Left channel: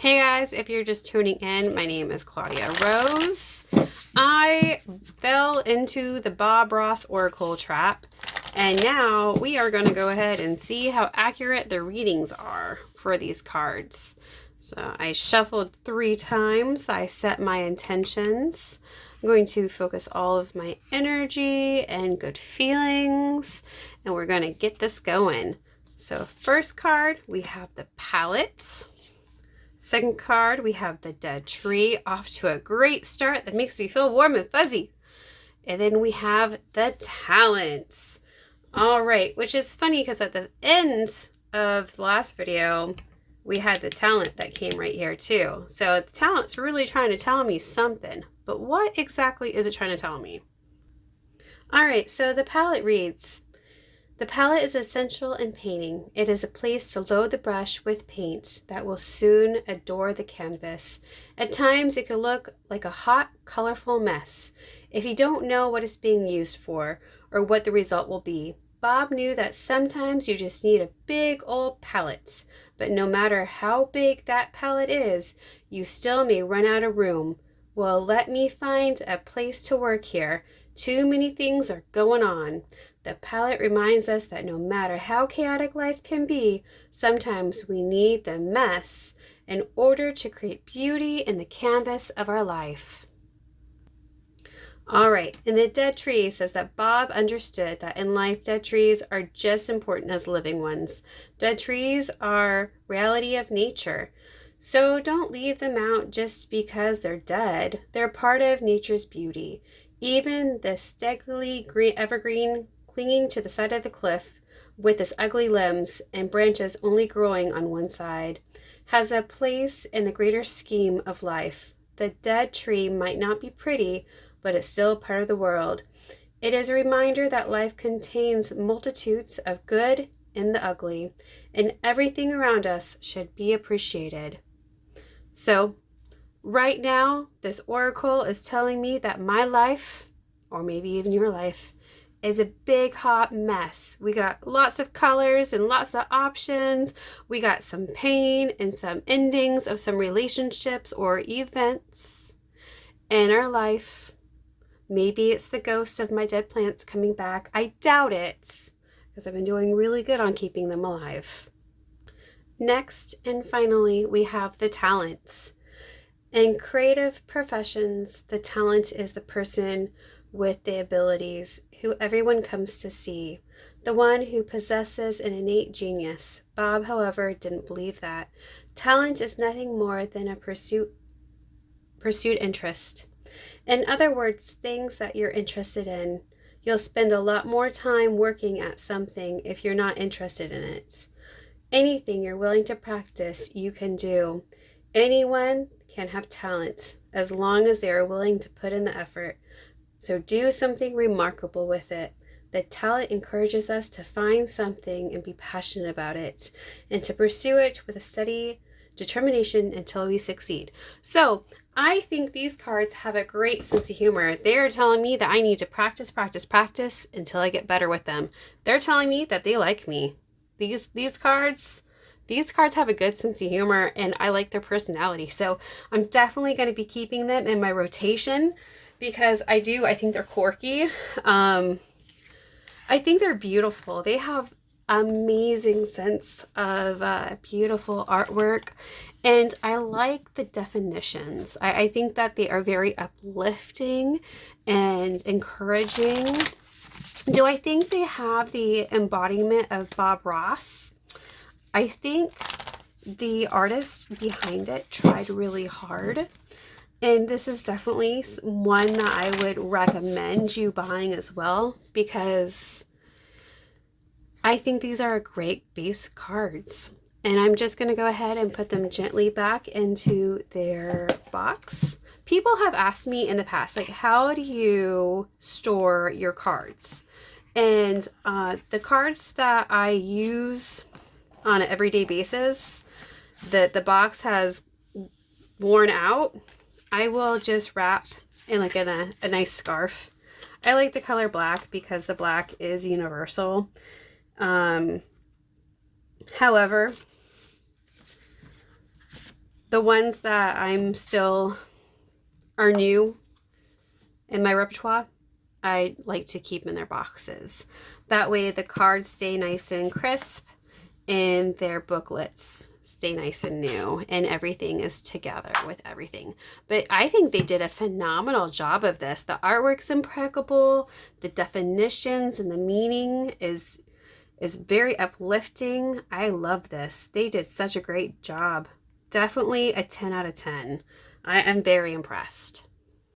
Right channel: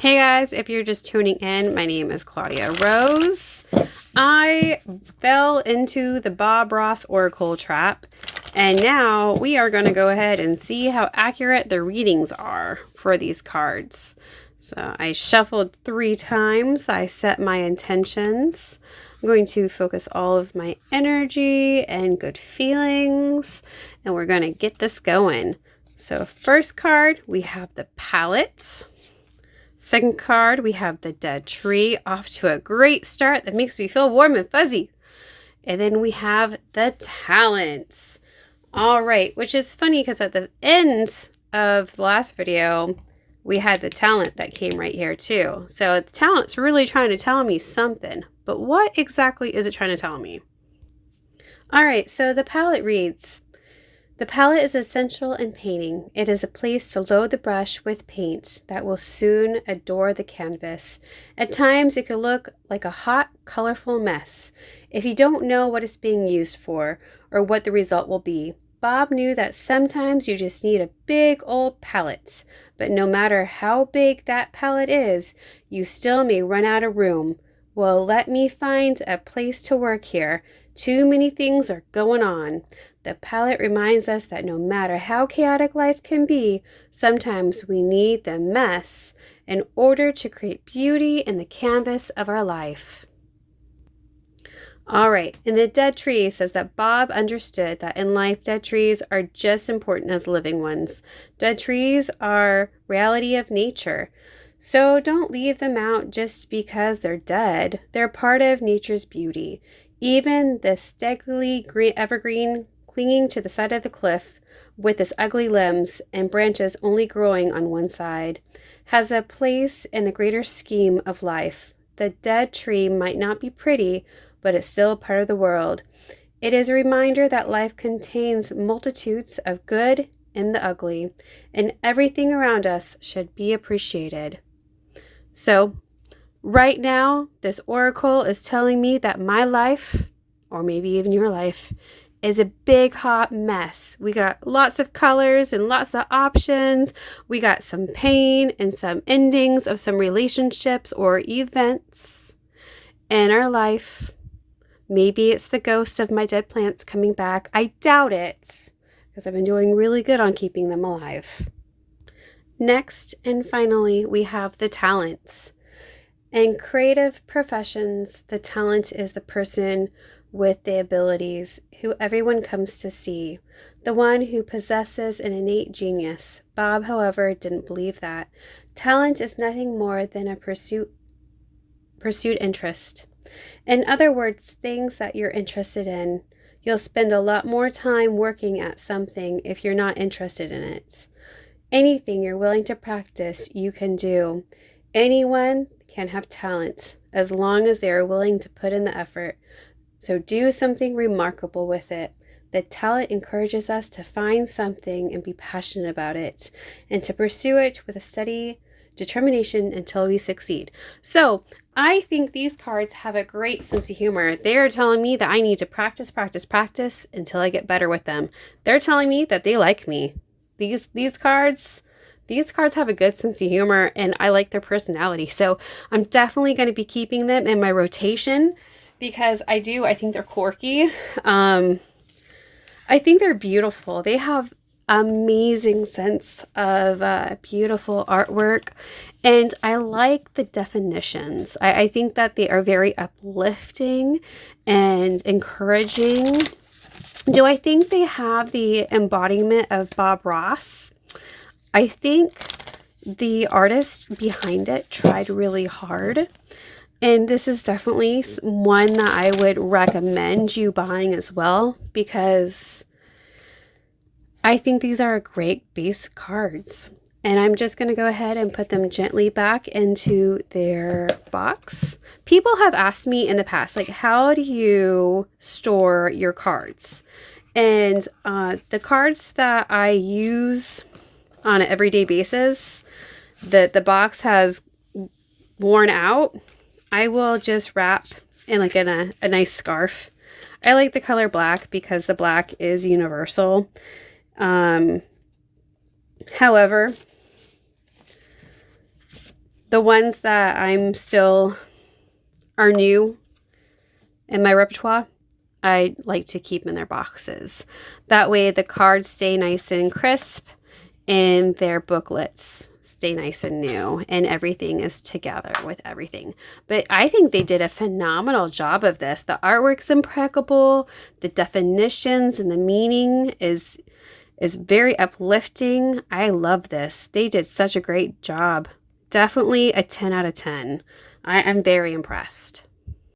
Hey guys, if you're just tuning in, my name is Claudia Rose. I fell into the Bob Ross Oracle trap, and now we are going to go ahead and see how accurate the readings are for these cards. So I shuffled 3 times. I set my intentions. I'm going to focus all of my energy and good feelings, and we're going to get this going. So first card, we have the Palette. Second card, we have the Dead Tree, off to a great start that makes me feel warm and fuzzy. And then we have the Talents. All right, which is funny because at the end of the last video, we had the Talent that came right here too. So the Talent's really trying to tell me something, but what exactly is it trying to tell me? All right, so the Palette reads, the palette is essential in painting. It is a place to load the brush with paint that will soon adorn the canvas. At times, it can look like a hot, colorful mess if you don't know what it's being used for or what the result will be. Bob knew that sometimes you just need a big old palette, but no matter how big that palette is, you still may run out of room. Well, let me find a place to work here. Too many things are going on. The palette reminds us that no matter how chaotic life can be, sometimes we need the mess in order to create beauty in the canvas of our life. All right, and the Dead Tree says that Bob understood that in life, dead trees are just important as living ones. Dead trees are reality of nature. So don't leave them out just because they're dead. They're part of nature's beauty. Even the scraggly evergreen clinging to the side of the cliff with its ugly limbs and branches only growing on one side, has a place in the greater scheme of life. The dead tree might not be pretty, but it's still part of the world. It is a reminder that life contains multitudes of good and the ugly, and everything around us should be appreciated. So, right now, this oracle is telling me that my life, or maybe even your life, is a big hot mess. We got lots of colors and lots of options. We got some pain and some endings of some relationships or events in our life. Maybe it's the ghost of my dead plants coming back. I doubt it, because I've been doing really good on keeping them alive. Next and finally, we have the Talents. In creative professions, the talent is the person with the abilities who everyone comes to see, the one who possesses an innate genius. Bob, however, didn't believe that. Talent is nothing more than a pursued interest. In other words, things that you're interested in. You'll spend a lot more time working at something if you're not interested in it. Anything you're willing to practice, you can do. Anyone can have talent as long as they are willing to put in the effort. So do something remarkable with it. The talent encourages us to find something and be passionate about it, and to pursue it with a steady determination until we succeed. So I think these cards have a great sense of humor. They are telling me that I need to practice until I get better with them. They're telling me that they like me. These cards have a good sense of humor, and I like their personality. So I'm definitely going to be keeping them in my rotation because I think they're quirky. I think they're beautiful. They have amazing sense of beautiful artwork, and I like the definitions. I think that they are very uplifting and encouraging. Do I think they have the embodiment of Bob Ross? I think the artist behind it tried really hard, and this is definitely one that I would recommend you buying as well, because I think these are great base cards. And I'm just going to go ahead and put them gently back into their box. People have asked me in the past, like, how do you store your cards? And the cards that I use on an everyday basis, that the box has worn out, I will just wrap in like a nice scarf. I like the color black because the black is universal. However, The ones that I'm still are new in my repertoire, I like to keep in their boxes. That way the cards stay nice and crisp and their booklets stay nice and new and everything is together with everything. But I think they did a phenomenal job of this. The artwork's impeccable. The definitions and the meaning is very uplifting. I love this. They did such a great job. Definitely a 10 out of 10. I am very impressed.